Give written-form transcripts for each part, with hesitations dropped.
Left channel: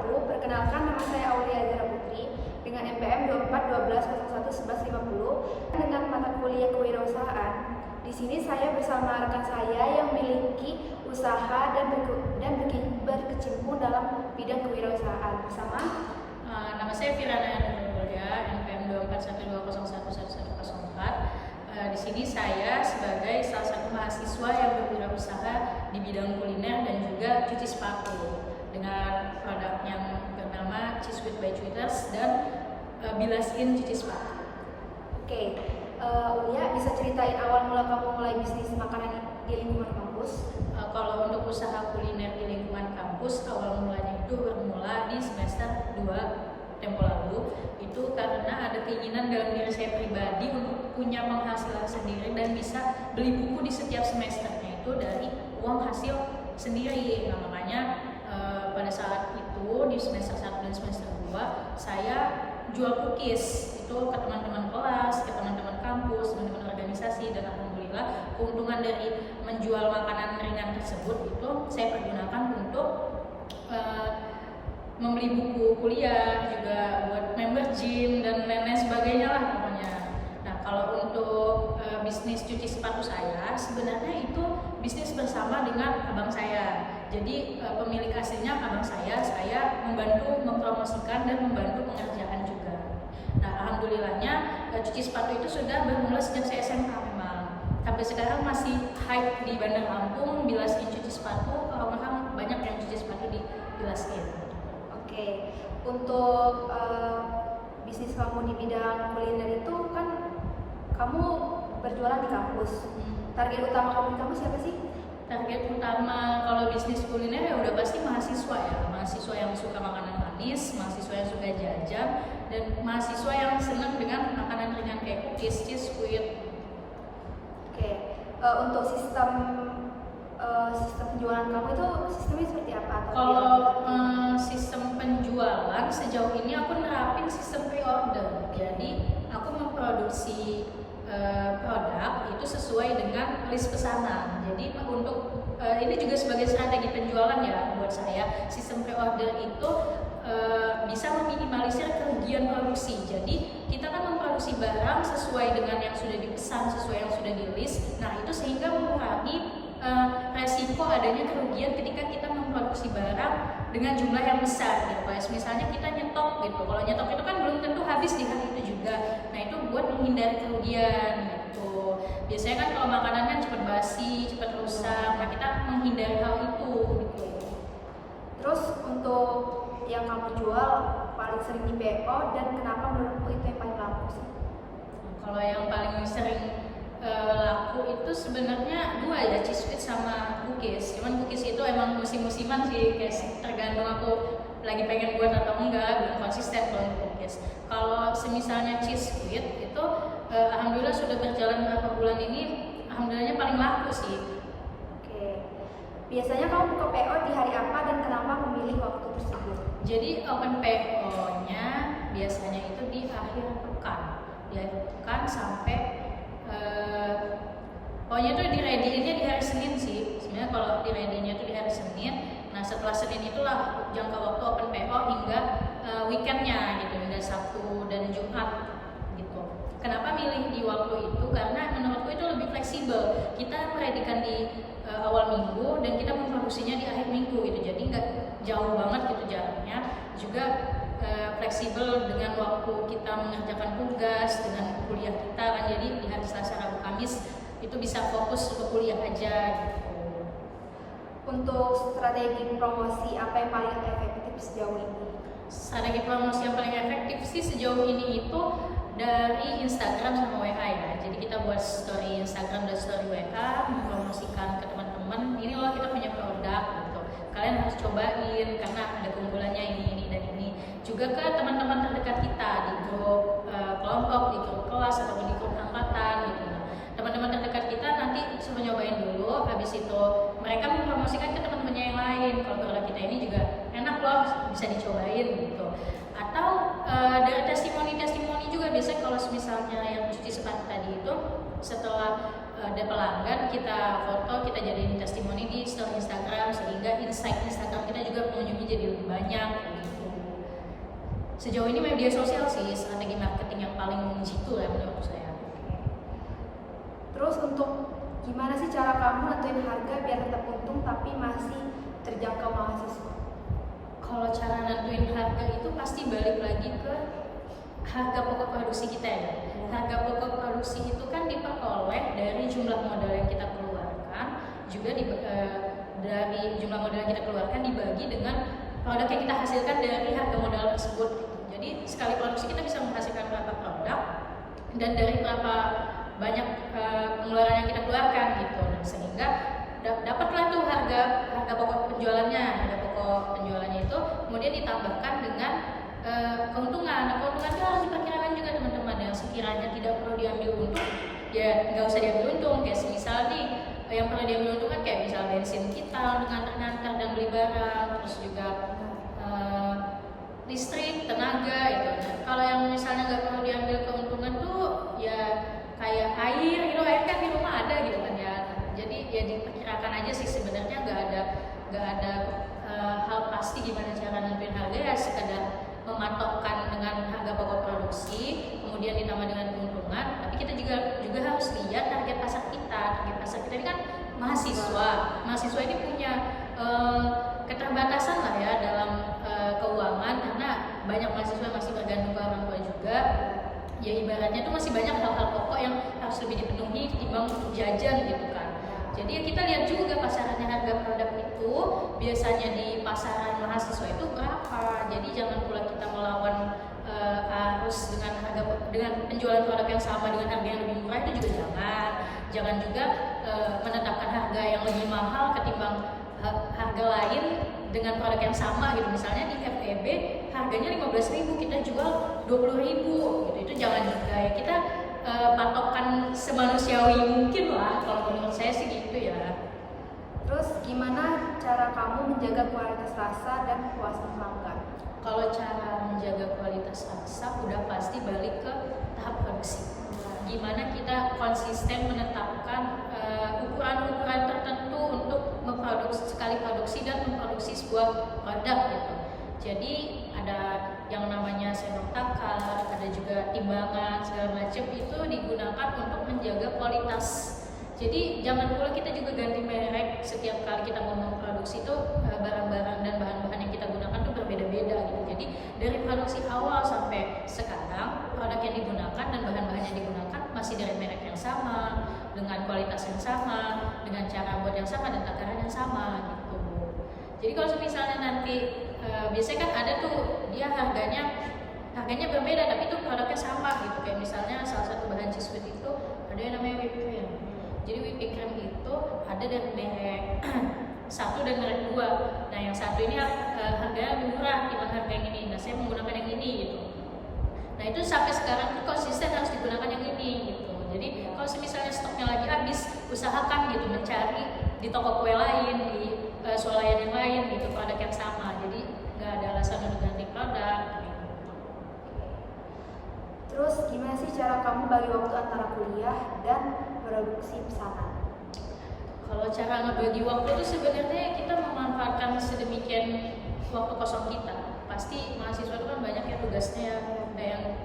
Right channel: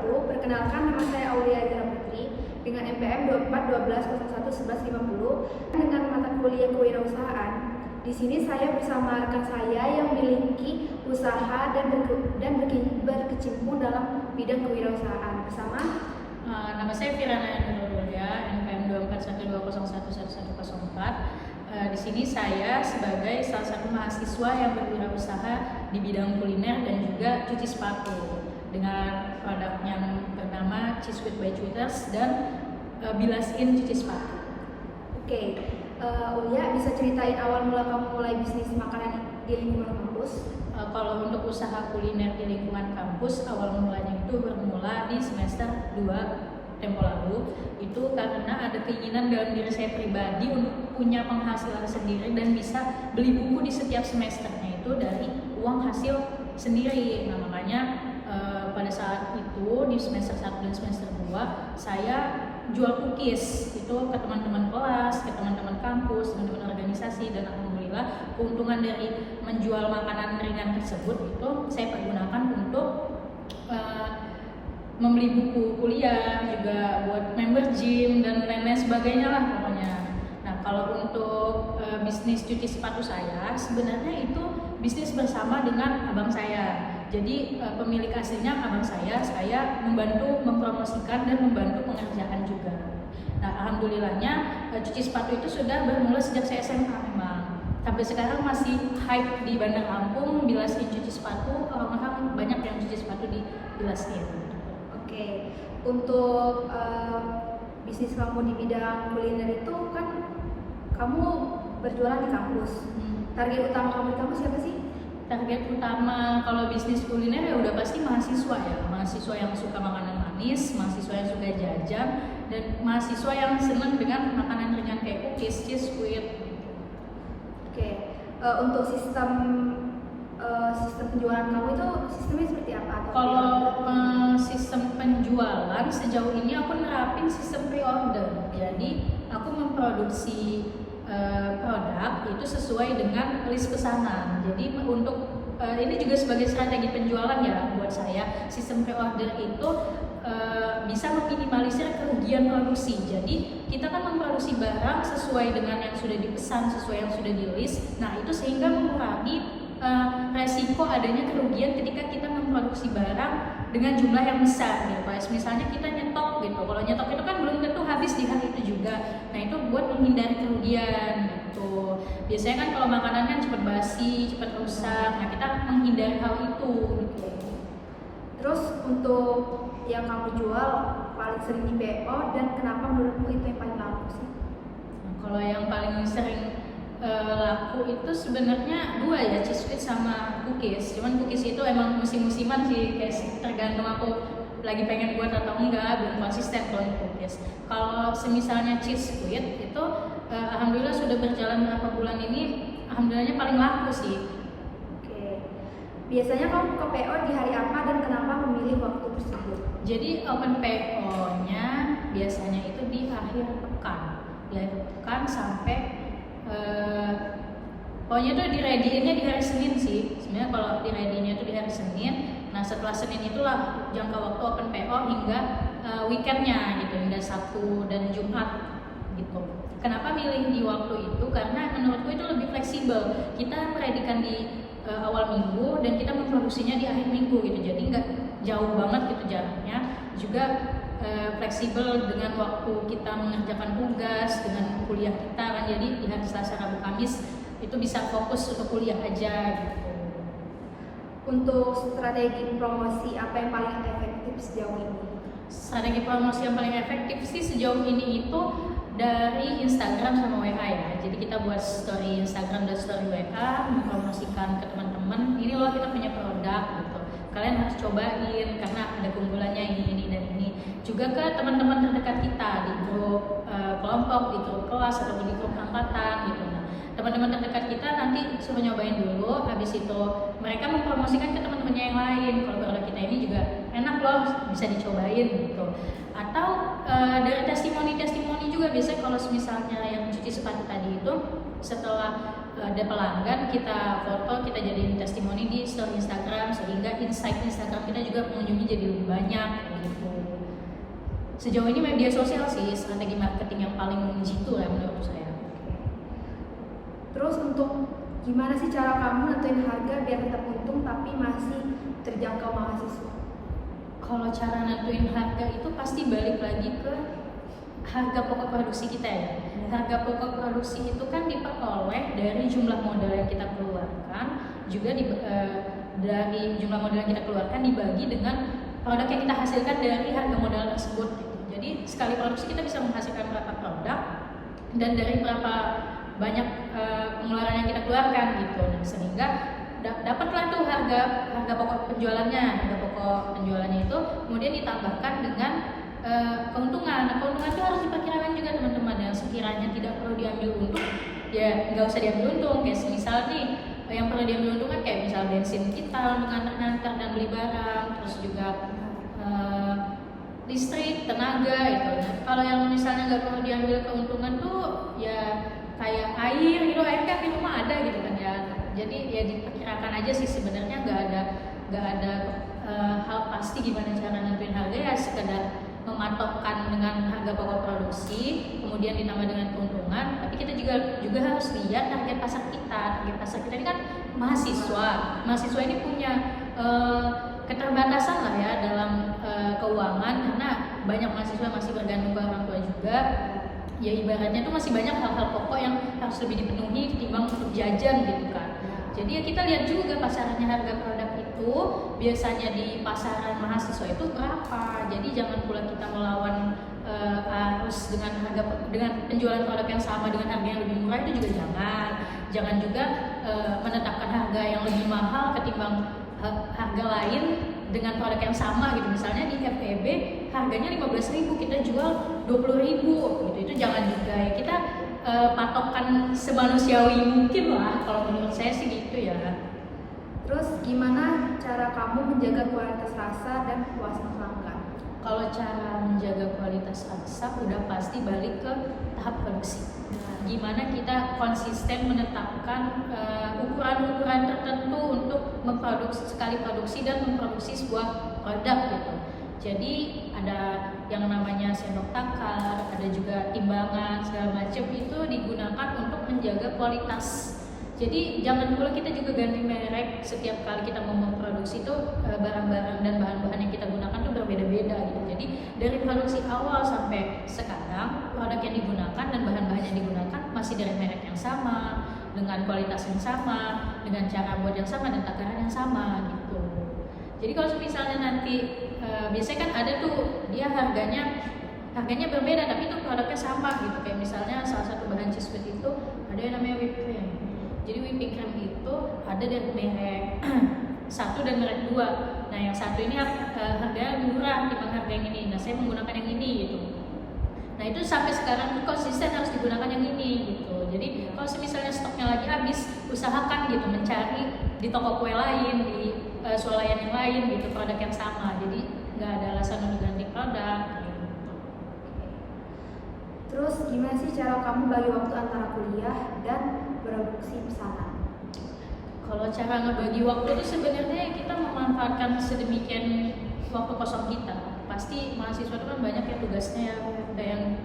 wabarakatuh. Perkenalkan, nama saya Aulia Yara Putri dengan NPM 2412011150 dengan mata kuliah kewirausahaan. Di sini saya bersama rekan saya yang memiliki usaha dan berkecimpung dalam bidang kewirausahaan bersama. Nama saya Firana Nurulya, NPM 2412011104. Di sini saya sebagai salah satu mahasiswa yang berwirausaha di bidang kuliner dan juga cuci sepatu dengan produk yang bernama Cheese Squid by Tweeters dan Bilasin cuci sepatu. Oke, Ulia bisa ceritain awal mula kamu mulai bisnis makanan di lingkungan kampus? Kalau untuk usaha kuliner di lingkungan kampus, awal mulanya itu bermula di semester 2 tempo lalu. Itu karena ada keinginan dalam diri saya pribadi untuk punya penghasilan sendiri dan bisa beli buku di setiap semesternya itu dari uang hasil sendiri. Nah, makanya pada saat itu di semester 1 dan semester 2 saya jual cookies itu ke teman-teman kelas, ke teman-teman kampus, teman-teman organisasi, dan alhamdulillah keuntungan dari menjual makanan ringan tersebut itu saya pergunakan untuk membeli buku kuliah, juga buat member gym dan lain-lain sebagainya lah pokoknya. Nah, kalau untuk bisnis cuci sepatu saya sebenarnya itu bisnis bersama dengan abang saya. Jadi pemilik aslinya abang saya membantu mempromosikan dan membantu pengerjaan juga. Nah, alhamdulillahnya cuci sepatu itu sudah bermula sejak saya SMA memang. Sampai sekarang masih hype di Bandar Lampung, Bilasin cuci sepatu, orang-orang banyak yang cuci sepatu di Bilasin. Oke, untuk bisnis kamu di bidang kuliner itu kan kamu berjualan di kampus. Target utama kamu di kampus siapa sih? Target utama kalau bisnis kuliner ya udah pasti mahasiswa ya, mahasiswa yang suka makanan manis, mahasiswa yang suka jajan, dan mahasiswa yang senang dengan makanan ringan kayak cookies, cheese squid. Oke, untuk sistem penjualan kamu itu sistemnya seperti apa? Kalau sistem penjualan sejauh ini aku nerapin sistem pre-order. Jadi aku memproduksi produk itu sesuai dengan list pesanan. Jadi untuk ini juga sebagai strategi penjualan ya buat saya. Sistem pre-order itu bisa meminimalisir kerugian produksi. Jadi kita kan memproduksi barang sesuai dengan yang sudah dipesan, sesuai yang sudah di list. Nah, itu sehingga mengurangi resiko adanya kerugian ketika kita memproduksi barang dengan jumlah yang besar gitu. Kalau misalnya kita nyetok gitu, kalau nyetok itu kan belum tentu habis di hari itu juga. Nah, itu buat menghindari kerugian gitu. Biasanya kan kalau makanan kan cepat basi, cepat rusak. Nah, kita menghindari hal itu gitu. Terus untuk yang kamu jual paling sering di PO dan kenapa menurutmu itu yang paling laku sih? Nah, kalau yang paling sering laku itu sebenarnya dua ya, cheese squid sama cookies. Cuman cookies itu emang musim-musiman sih, kayak tergantung aku lagi pengen buat atau enggak, belum konsisten kalau di cookies. Kalau semisalnya cheese squid itu alhamdulillah sudah berjalan berapa bulan ini, alhamdulillahnya paling laku sih. Oke, biasanya kamu buka PO di hari apa dan kenapa memilih waktu tersebut? Jadi open PO-nya biasanya itu di akhir pekan, sampai pokoknya tuh di-ready-nya di hari Senin sih. Sebenarnya kalau di-ready-nya tuh di hari Senin. Nah, setelah Senin itulah jangka waktu open PO hingga weekendnya gitu, hingga Sabtu dan Jumat gitu. Kenapa milih di waktu itu? Karena menurutku itu lebih fleksibel. Kita meredikan di awal minggu dan kita memproduksinya di akhir minggu gitu. Jadi nggak jauh banget gitu jaraknya. Juga fleksibel dengan waktu kita mengerjakan tugas dengan kuliah kita kan, jadi di hari Selasa, Rabu, Kamis itu bisa fokus untuk kuliah aja gitu. Untuk strategi promosi apa yang paling efektif sejauh ini? Strategi promosi yang paling efektif sih sejauh ini itu dari Instagram sama WA ya. Jadi kita buat story Instagram dan story WA, mempromosikan ke teman-teman, ini loh kita punya produk gitu. Kalian harus cobain karena ada keunggulannya ini dan ini. Juga ke teman-teman terdekat kita di grup kelompok, di grup kelas ataupun di grup angkatan gitu. Nah, teman-teman terdekat kita nanti suruh nyobain dulu, habis itu mereka mempromosikan ke teman-temannya yang lain. Kalau produk kita ini juga enak loh, bisa dicobain gitu. Atau dari testimoni juga biasanya kalau misalnya yang cuci sepatu tadi itu setelah ada pelanggan kita foto, kita jadiin testimoni di story Instagram sehingga insight Instagram kita juga pengunjungnya jadi lebih banyak gitu. Sejauh ini media sosial sih strategi marketing yang paling jitu ya menurut saya. Terus untuk gimana sih cara kamu nentuin harga biar tetap untung tapi masih terjangkau mahasiswa? Kalau cara nentuin harga itu pasti balik lagi ke harga pokok produksi kita ya. Harga pokok produksi itu kan diperoleh dari jumlah modal yang kita keluarkan, juga dari jumlah modal yang kita keluarkan dibagi dengan produk yang kita hasilkan dari harga modal tersebut. Jadi sekali produksi kita bisa menghasilkan berapa produk dan dari berapa banyak pengeluaran yang kita keluarkan gitu. Nah, sehingga dapatlah tuh harga pokok penjualannya. Harga pokok penjualannya itu kemudian ditambahkan dengan keuntungan. Nah, keuntungan itu harus diperkirakan juga teman-teman. Yang sekiranya tidak perlu diambil untung, ya nggak usah diambil untung. Kayak misal nih, yang perlu diambil untung kan kayak misal bensin kita untuk ngantar dan beli barang, terus juga listrik, tenaga itu. Nah, kalau yang misalnya nggak perlu diambil keuntungan tuh ya kayak air gitu, air kan di rumah ada gitu kan ya. Jadi ya diperkirakan aja sih, sebenarnya nggak ada hal pasti gimana cara nentuin harga, ya sekedar mematokkan dengan harga pokok produksi kemudian ditambah dengan keuntungan. Tapi kita juga harus lihat target pasar kita. Target pasar kita ini kan mahasiswa ini punya keterbatasan lah ya dalam keuangan, karena banyak mahasiswa masih bergantung ke orang tua juga. Ya ibaratnya tuh masih banyak hal-hal pokok yang harus lebih dipenuhi ketimbang untuk jajan gitu kan. Jadi ya kita lihat juga pasarannya, harga produk itu biasanya di pasaran mahasiswa itu berapa. Jadi jangan pula kita melawan arus dengan penjualan produk yang sama dengan harga yang lebih murah, itu juga jangan juga menetapkan harga yang lebih mahal ketimbang harga lain dengan produk yang sama gitu. Misalnya di FEB harganya 15.000, kita jual 20.000 gitu. Itu jangan juga ya, kita patokan semanusiawi mungkin lah, kalau menurut saya sih gitu ya. Terus gimana cara kamu menjaga kualitas rasa dan kepuasan pelanggan? Kalau cara menjaga kualitas rasa udah pasti balik ke tahap produksi. Gimana kita konsisten menetapkan ukuran-ukuran tertentu untuk memproduksi, sekali produksi dan memproduksi sebuah produk gitu. Jadi ada yang namanya sendok takar, ada juga timbangan segala macam, itu digunakan untuk menjaga kualitas. Jadi jangan pula kita juga ganti merek setiap kali kita mau memproduksi itu, barang-barang dan bahan-bahan yang kita gunakan tuh berbeda-beda gitu. Jadi dari produksi awal sampai sekarang produk yang digunakan dan bahan-bahan yang digunakan masih dari merek yang sama, dengan kualitas yang sama, dengan cara buat yang sama dan takaran yang sama gitu. Jadi kalau misalnya nanti biasanya kan ada tuh dia harganya berbeda tapi itu produknya sama gitu. Kayak misalnya salah satu bahan cheese whip itu ada yang namanya whipped cream. Jadi whipping cream itu ada dari merek 1 dan merek 2. Nah yang satu ini harganya murah dibanding harga yang ini. Nah saya menggunakan yang ini gitu. Nah itu sampai sekarang tuh konsisten harus digunakan yang ini gitu. Jadi kalau misalnya stoknya lagi habis, usahakan gitu mencari di toko kue lain, di swalayan yang lain gitu produk yang sama. Jadi nggak ada alasan untuk ganti produk gitu. Terus gimana sih cara kamu bagi waktu antara kuliah dan produksi pesanan? Kalau cara ngebagi waktu itu sebenarnya kita memanfaatkan sedemikian waktu kosong kita. Pasti mahasiswa itu kan banyak ya tugasnya ya. Ada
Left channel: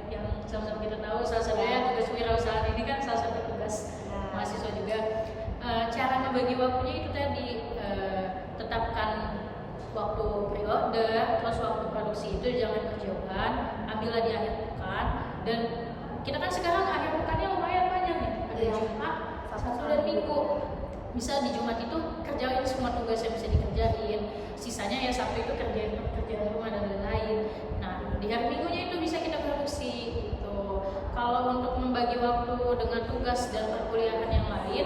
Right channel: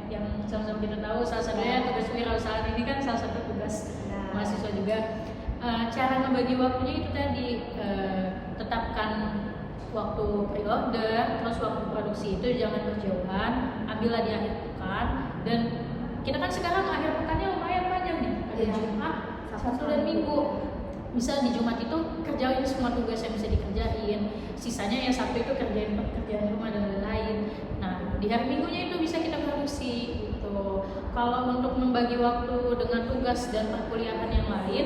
yang sama-sama kita tahu, salah satunya tugas wirausahaan ini kan salah satu tugas mahasiswa juga. Cara ngebagi waktunya itu tadi, tetapkan waktu pre-order, terus waktu produksi itu jangan berjauhan, ambillah di akhir pekan. Dan kita kan sekarang akhir pekannya lumayan panjang nih, ada Jumat, Sabtu dan Minggu. Bisa di Jumat itu kerjain semua tugas yang bisa dikerjain, sisanya yang Sabtu itu kerjain pekerjaan rumah dan lain-lain. Nah di hari Minggunya itu bisa kita produksi gitu. Kalau untuk membagi waktu dengan tugas dan perkuliahan yang lain,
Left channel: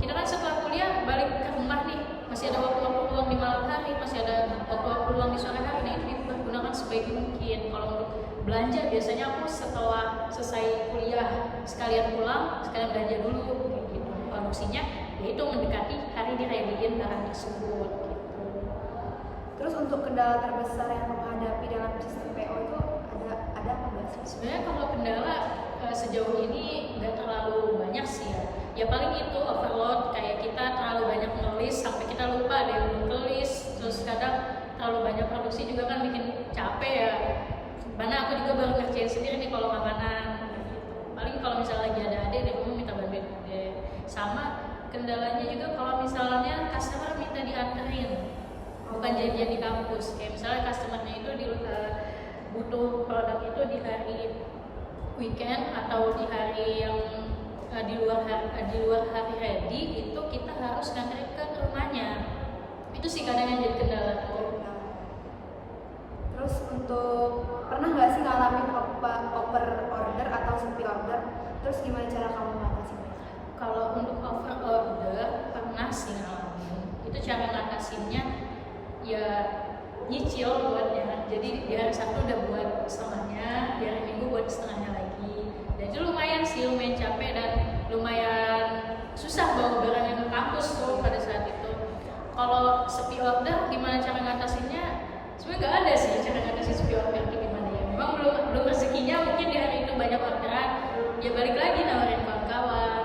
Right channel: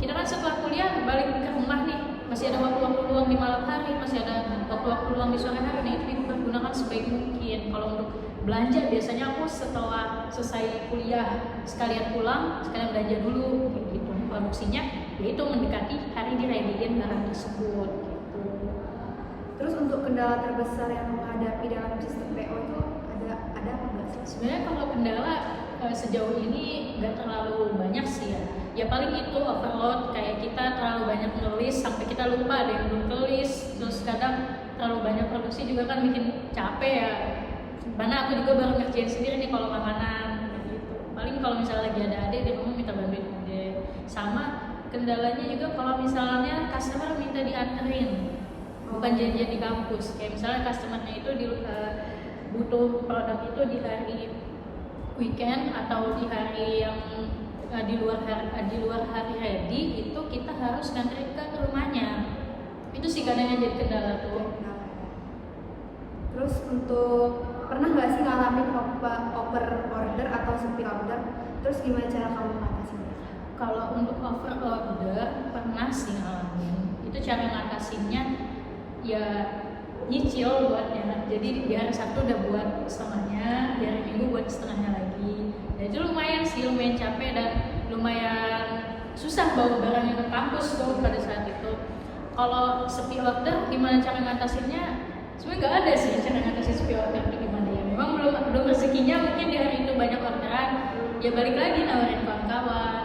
kita kan setelah kuliah balik ke rumah nih, masih ada waktu-waktu luang di malam hari, masih ada waktu-waktu luang di sore hari. Nah itu digunakan sebaik mungkin. Kalau untuk belanja biasanya aku setelah selesai kuliah sekalian pulang, sekalian belanja dulu gitu. Produksinya yaitu mendekati hari direadiin barang tersebut gitu. Terus untuk kendala terbesar yang menghadapi dalam sistem PO itu ada apa sih? Sebenarnya kalau kendala sejauh ini nggak terlalu banyak sih ya. Ya paling itu overload, kayak kita terlalu banyak ngelis sampai kita lupa ada yang belum kelis. Terus kadang terlalu banyak produksi juga kan bikin capek ya. Mana aku juga baru ngerjain sendiri nih kalau makanan gitu. Paling kalau misalnya lagi ada adik di rumah minta bantuin adik. Sama kendalanya juga kalau misalnya customer minta dianterin, bukan janjian di kampus. Kayak misalnya customernya itu butuh produk itu di hari weekend atau di hari yang di luar hari ready, itu kita harus nganterin ke rumahnya. Itu sih kadang yang jadi kendala tuh. Terus untuk pernah nggak sih ngalamin over order atau sepi order? Terus gimana cara kamu mengatasinya? Kalau untuk over order pernah sih ngalamin. Itu cara ngatasinnya ya nyicil buatnya. Jadi di hari Sabtu udah buat setengahnya, di hari Minggu buat setengahnya lagi. Dan itu lumayan sih, lumayan capek dan lumayan susah bawa barangnya ke kampus tuh pada saat itu. Kalau sepi order gimana cara ngatasinnya? Sebenarnya nggak ada sih cara ngatasin sepi order itu gimana ya. Memang belum rezekinya, mungkin di hari itu banyak orderan. Ya balik lagi nawarin kawan-kawan,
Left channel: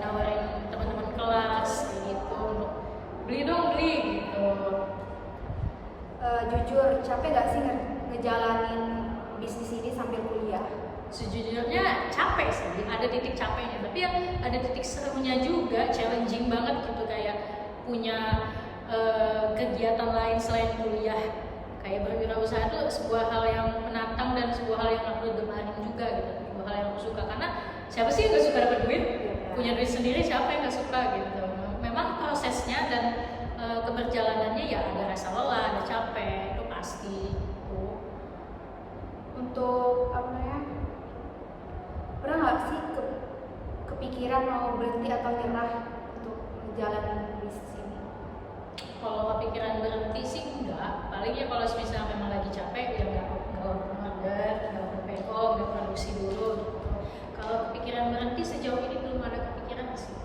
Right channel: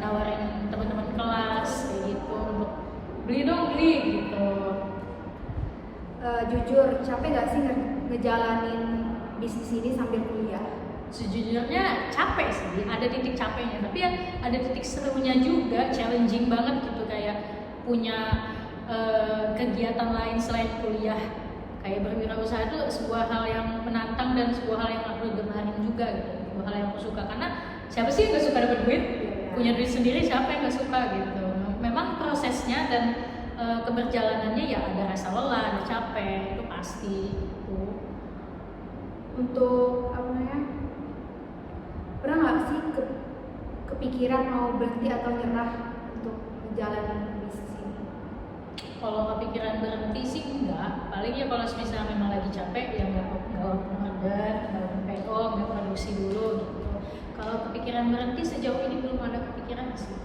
nawarin teman-teman kelas kayak gitu untuk beli dong beli gitu. Jujur capek nggak sih ngejalanin bisnis ini sambil kuliah? Sejujurnya capek sih, ada titik capeknya, tapi ya ada titik serunya juga, challenging banget gitu, kayak punya kegiatan lain selain kuliah. Kayak berwirausaha itu sebuah hal yang menantang dan sebuah hal yang aku gemarin juga gitu, sebuah hal yang aku suka. Karena siapa sih yang nggak suka dapat duit? Punya duit sendiri siapa yang nggak suka gitu. Memang prosesnya dan keberjalanannya ya ada rasa lelah, ada capek, itu pasti gitu. Untuk apa namanya? Pernah nggak sih kepikiran mau berhenti atau nyerah untuk menjalani bisnis ini? Kalau kepikiran berhenti sih enggak, paling ya kalau misalnya memang lagi capek ya nggak open order, nggak open PO, nggak produksi dulu gitu. Kalau kepikiran berhenti sejauh ini belum ada kepikiran sih.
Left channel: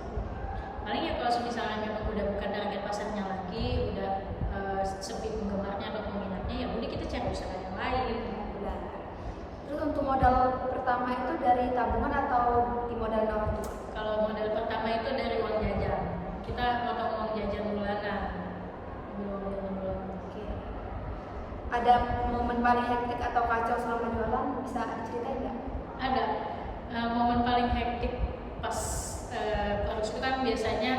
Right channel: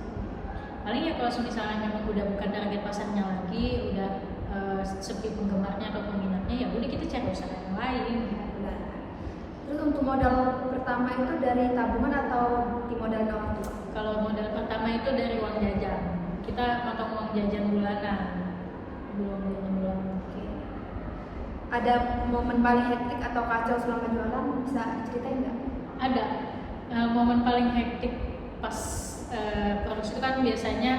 Paling ya kalau misalnya memang udah bukan target pasarnya lagi, udah sepi penggemarnya atau peminatnya, ya udah kita cari usaha yang lain. Benar. Terus untuk modal pertama itu dari tabungan atau dimodalin orang tua? Kalau modal pertama itu dari uang jajan, kita potong uang jajan bulanan. Ada momen paling hektik atau kacau selama jualan, bisa ceritain nggak? Ada. Momen paling hektik pas produksi itu kan biasanya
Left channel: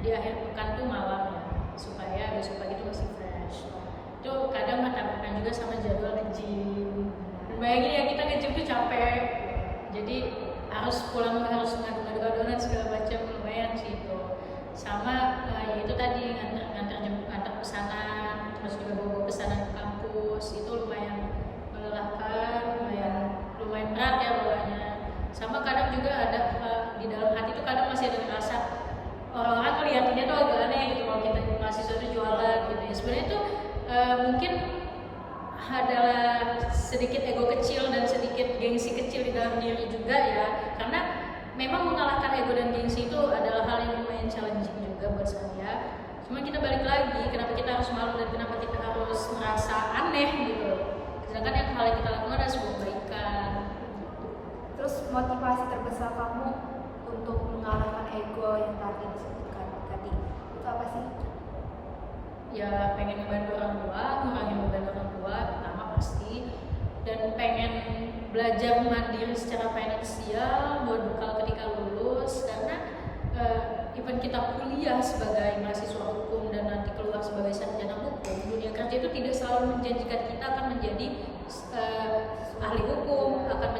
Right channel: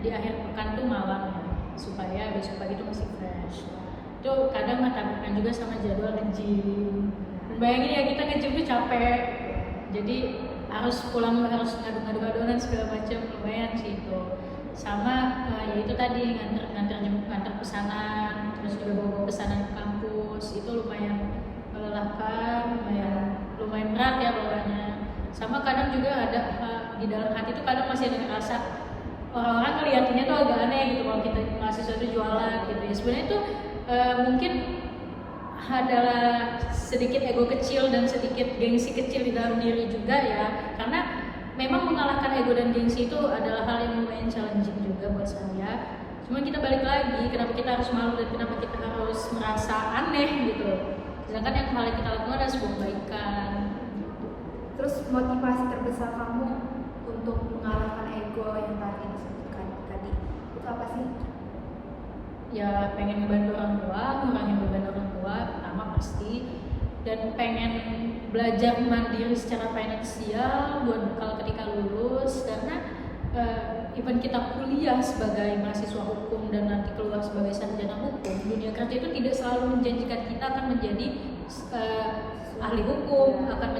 di akhir pekan tuh malam ya, supaya besok pagi itu masih fresh. Itu kadang bertabrakan juga sama jadwal nge-gym. Bayangin ya, kita nge-gym tuh capek, jadi harus pulang harus ngadu-ngadu adonan segala macam, lumayan sih itu. Sama ya itu tadi ngantar pesanan, terus juga bawa pesanan ke kampus, itu lumayan melelahkan, lumayan berat ya bawahnya. Sama kadang juga ada di dalam hati tuh kadang masih ada ngerasa orang-orang ngeliatinnya tuh agak aneh gitu kalau kita mahasiswa tuh jualan gitu ya. Sebenarnya tuh mungkin adalah sedikit ego kecil dan sedikit gengsi kecil di dalam diri juga ya, karena memang mengalahkan ego dan gengsi itu adalah hal yang lumayan challenging juga buat saya. Cuma kita balik lagi, kenapa kita harus malu dan kenapa kita harus merasa aneh gitu. Sedangkan yang hal yang kita lakukan adalah sebuah kebaikan. Terus motivasi terbesar kamu untuk mengalahkan ego yang tadi disebutkan tadi itu apa sih? Ya pengen ngebantu orang tua, ngurangin beban orang tua pertama pasti, dan pengen belajar mandiri secara finansial buat bekal ketika lulus. Karena even kita kuliah sebagai mahasiswa hukum dan nanti keluar sebagai sarjana hukum, dunia kerja itu tidak selalu menjanjikan kita akan menjadi ahli hukum, akan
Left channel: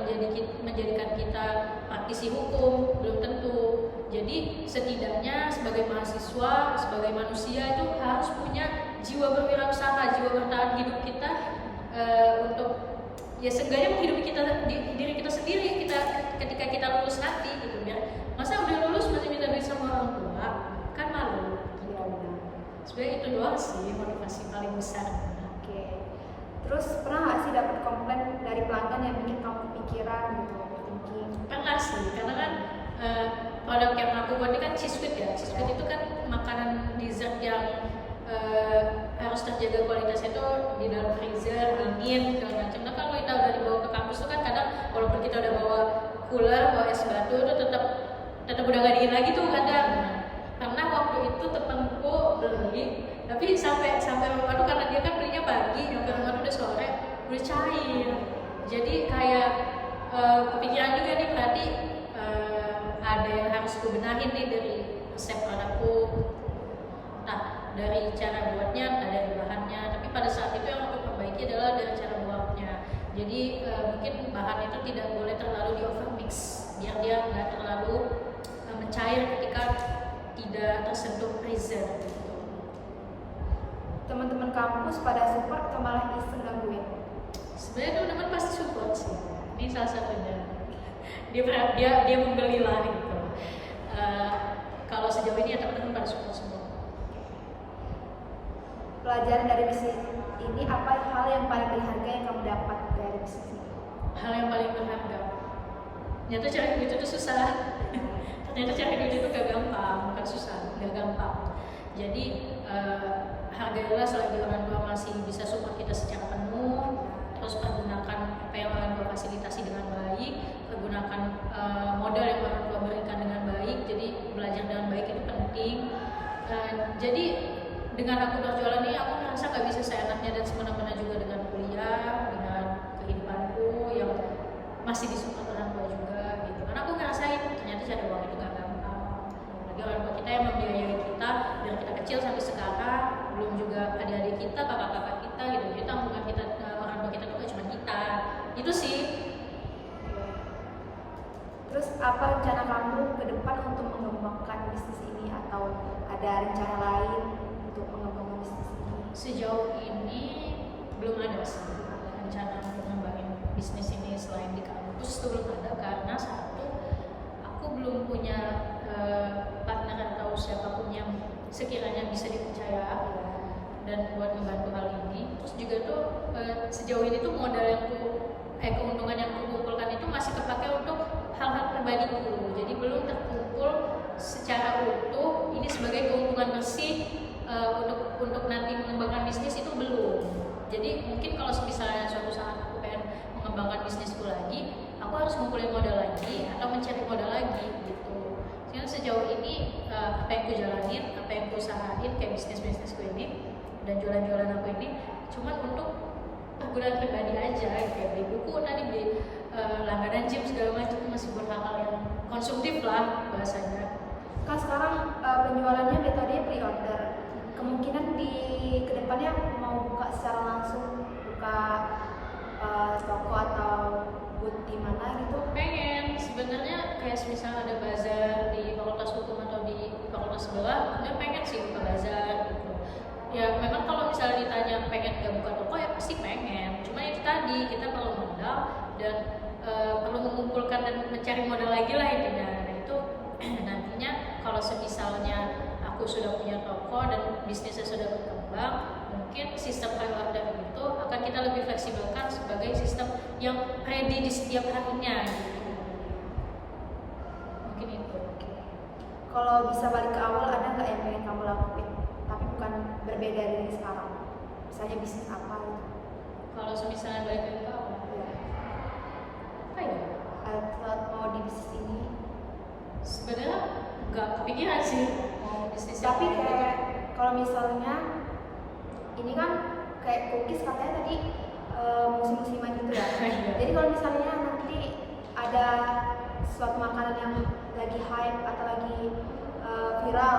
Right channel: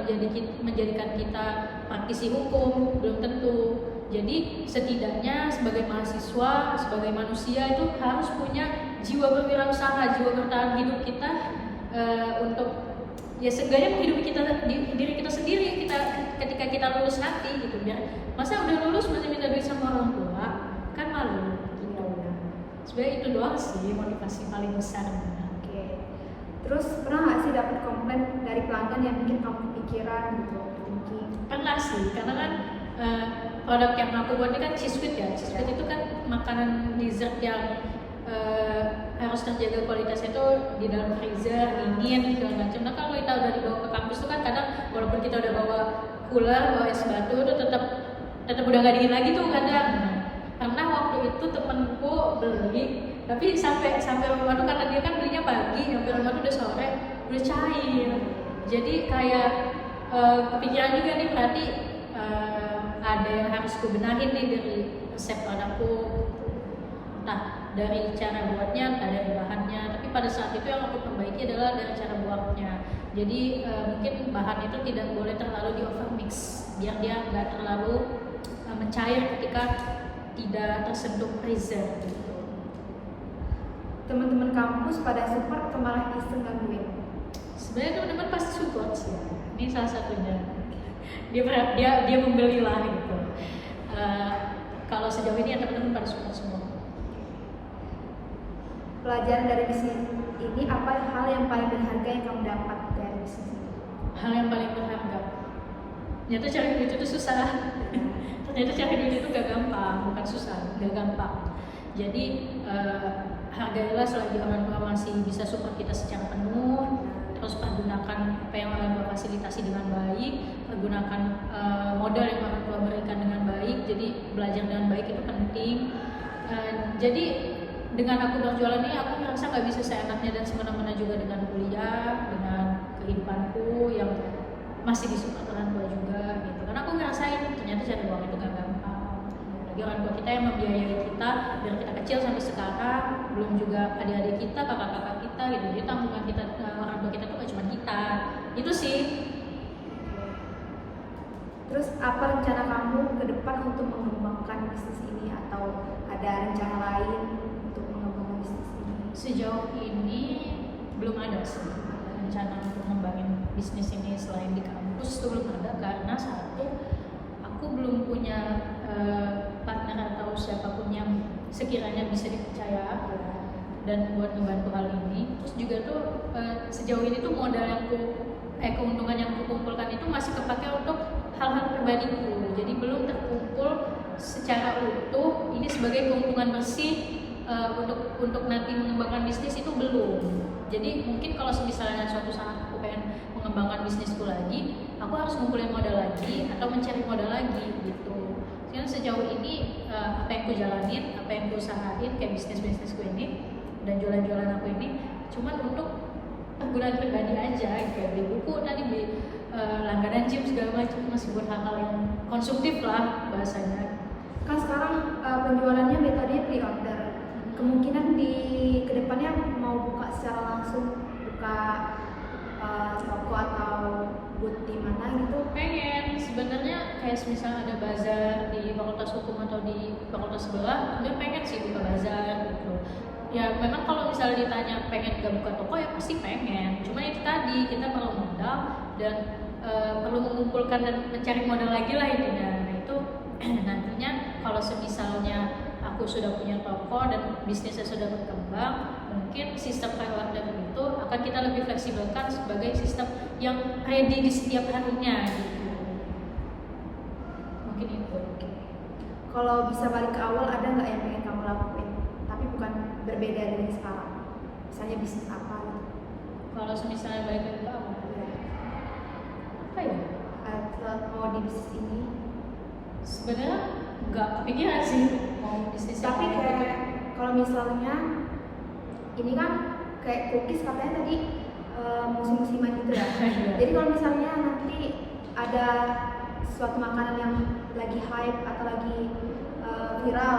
menjadikan kita praktisi hukum, belum tentu. Jadi setidaknya sebagai mahasiswa, sebagai manusia itu harus punya jiwa berwirausaha, jiwa bertahan hidup kita untuk ya seenggaknya menghidupi diri kita sendiri ketika kita lulus nanti gitu. Biar masa udah lulus masih minta duit sama orang tua, kan malu gitu. Sebenarnya itu doang sih motivasi paling besar. Oke. Terus pernah nggak sih dapat komplain dari pelanggan yang bikin kamu pikiran gitu? Pernah sih, karena kan produk yang aku buat ini kan cheese sweet ya. Cheese sweet itu kan makanan dessert yang harus terjaga kualitasnya itu di dalam freezer, dingin segala macam. Nah kalau kita udah dibawa ke kampus tuh kan kadang walaupun kita udah bawa cooler, bawa es batu, itu tetap udah nggak dingin lagi tuh kadang. Pernah waktu itu temenku beli, tapi sampai rumah tuh karena dia kan belinya pagi, sampai rumah tuh udah sore, udah cair. Jadi kayak kepikiran juga nih, berarti ada yang harus kubenahin nih dari resep produkku. Nah, dari cara buatnya, entah dari bahannya, tapi pada saat itu yang aku perbaiki adalah dari cara buatnya. Jadi mungkin bahan itu tidak boleh terlalu di overmix, biar dia nggak terlalu mencair ketika tidak tersentuh freezer gitu. Teman-teman kampus pada support atau malah iseng gangguin? Sebenarnya teman-teman pasti support sih. Ini salah satunya. Dia membeli lah gitu. Kalau sejauh ini ya teman-teman pada support semua. Pelajaran dari bisnis ini, apa hal yang paling berharga yang kamu dapat dari bisnis ini? Hal yang paling berharga, ternyata cari duit itu susah. Ternyata cari duit itu gak gampang, bukan susah, gak gampang. Jadi hargailah selagi orang tua masih bisa support kita secara penuh. Terus pergunakan apa yang orang tua fasilitasi dengan baik, pergunakan modal yang orang tua berikan dengan baik. Jadi belajar dengan baik itu penting. Jadi dengan aku berjualan ini, aku merasa nggak bisa seenaknya dan semena-mena juga dengan kuliah, dengan kehidupanku yang masih disupport orang tua juga gitu. Karena aku ngerasain ternyata cari uang itu nggak gampang. Lagi orang tua kita yang membiayai kita dari kita kecil sampai sekarang, belum juga adik-adik kita, kakak-kakak kita gitu. Jadi tanggungan kita, orang tua kita tuh nggak cuma kita. Itu sih. Terus apa rencana kamu ke depan untuk mengembangkan bisnis ini, atau ada rencana lain untuk mengembangkan bisnis ini? Sejauh ini belum ada sih rencana untuk ngembangin bisnis ini selain di kampus tuh belum ada, karena satu, aku belum punya partner atau siapapun yang sekiranya bisa dipercaya dan buat ngebantu hal ini. Terus juga tuh sejauh ini tuh modal yang keuntungan yang kukumpulkan itu masih kepake untuk hal-hal pribadiku, jadi belum terkumpul secara utuh ini sebagai keuntungan bersih untuk nanti mengembangkan bisnis itu belum. Jadi mungkin kalau misalnya suatu saat aku pengen mengembangkan bisnisku lagi, aku harus ngumpulin modal lagi atau mencari modal lagi gitu. Jadi sejauh ini apa yang ku jalanin, apa yang ku usahain kayak bisnisku ini dan jualan-jualan aku ini cuman untuk penggunaan pribadi aja, kayak beli buku tadi, beli langganan gym segala macam, masih buat hal-hal yang konsumtif lah bahasanya. Kan sekarang penjualannya dari tadi pre-order. Kemungkinan di kedepannya mau buka secara langsung, buka toko atau booth di mana gitu? Pengen, sebenarnya kayak misalnya ada bazar di Fakultas Hukum atau di fakultas sebelah, dia pengen sih buka bazar gitu. Ya memang kalau misalnya ditanya pengen gak buka toko ya pasti pengen, cuma itu tadi kita perlu modal dan perlu mengumpulkan dan mencari modal lagi lah intinya. Nah itu nantinya kalau semisalnya aku sudah punya toko dan bisnisnya sudah berkembang, mungkin sistem pre-order itu akan kita lebih fleksibelkan sebagai sistem yang ready di setiap harinya gitu. Mungkin itu. Kalau bisa balik ke awal, ada nggak yang pengen kamu lakuin tapi bukan berbeda dari sekarang? Misalnya bisnis apa gitu? Kalau misalnya balik lagi ke awal, Ya. apa ya? Saat mau di bisnis ini, Sebenarnya nggak kepikiran sih mau bisnis yang tapi kayak kayak gitu. kalau misalnya ini kan kayak cookies katanya tadi musim-musiman gitu ya. Iya. Jadi kalau misalnya nanti ada suatu makanan yang lagi hype atau lagi viral,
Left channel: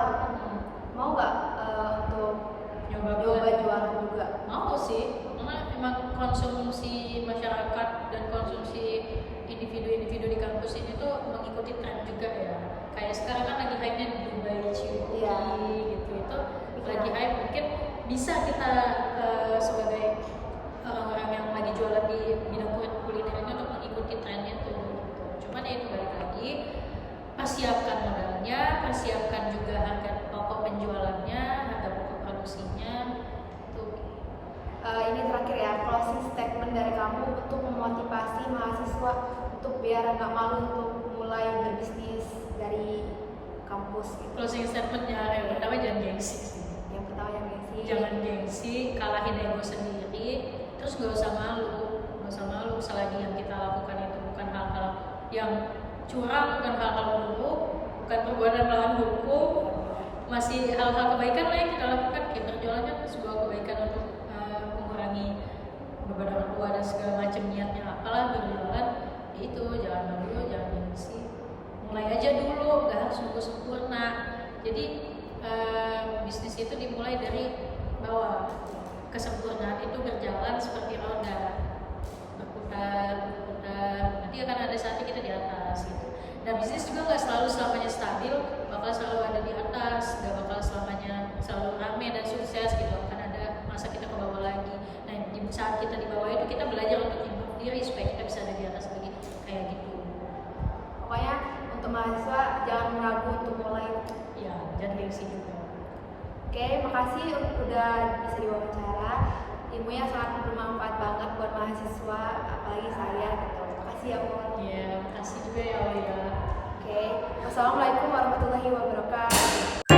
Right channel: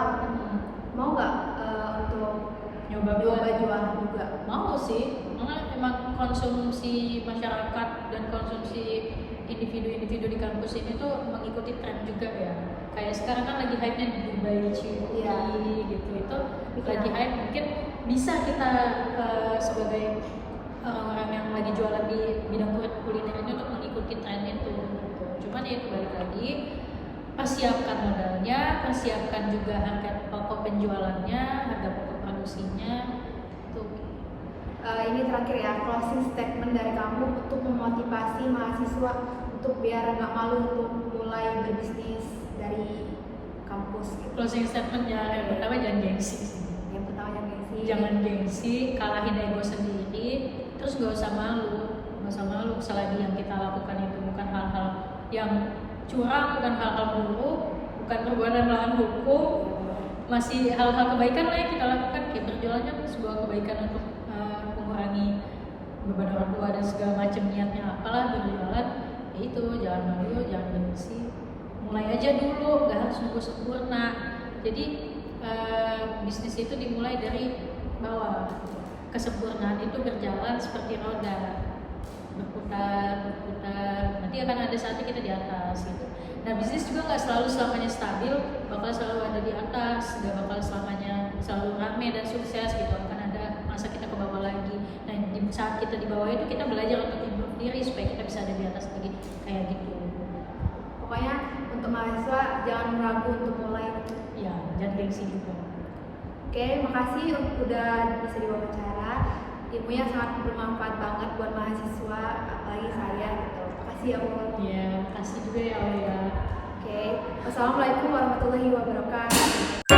mau nggak untuk Nyoba jualan juga? mau sih, karena emang konsumsi masyarakat dan konsumsi individu-individu di kampus ini tuh mengikuti tren juga ya. Kayak sekarang kan lagi hype-nya Dubai Cookie gitu, itu lagi hype. Mungkin bisa kita sebagai orang-orang yang lagi jualan di bidang kuliner ini untuk mengikuti trennya tuh. Cuman ya itu balik lagi, persiapkan modalnya, persiapkan juga harga pokok penjualannya, harga pokok produksinya tuh. Ini terakhir ya, closing statement dari kamu untuk memotivasi mahasiswa untuk biar nggak malu untuk mulai berbisnis dari kampus gitu. Closing statement yang pertama, jangan gengsi. Yang pertama yang gengsi. Jangan gengsi, kalahin ego sendiri, terus nggak usah malu selagi yang kita lakukan itu bukan hal-hal yang curang, bukan hal-hal buruk, bukan perbuatan melawan hukum. masih hal-hal kebaikan lah yang kita lakukan, kayak berjualannya sebuah kebaikan untuk mengurangi beban orang tua dan segala macam niatnya apalah berjualan. Ya itu, jangan malu, jangan gengsi, mulai aja dulu, nggak harus nunggu sempurna. Jadi bisnis itu dimulai dari bawah. Kesempurnaan itu berjalan seperti roda, berputar, nanti akan ada saatnya kita di atas gitu. Nah, bisnis juga nggak selalu selamanya stabil, bakal selalu ada di atas, nggak bakal selamanya selalu rame dan sukses gitu. Akan ada masa kita ke bawah lagi. Nah, di saat kita di bawah itu kita belajar untuk improve diri supaya kita bisa ada di atas lagi, kayak gitu. Pokoknya untuk mahasiswa jangan ragu untuk mulai. Ya, jangan gengsi juga. Oke, makasih udah bisa diwawancara. Ilmunya sangat bermanfaat banget buat mahasiswa, apalagi saya gitu. Makasih ya Ul. Iya, makasih juga ya Aulia. Oke, wassalamualaikum warahmatullahi wabarakatuh.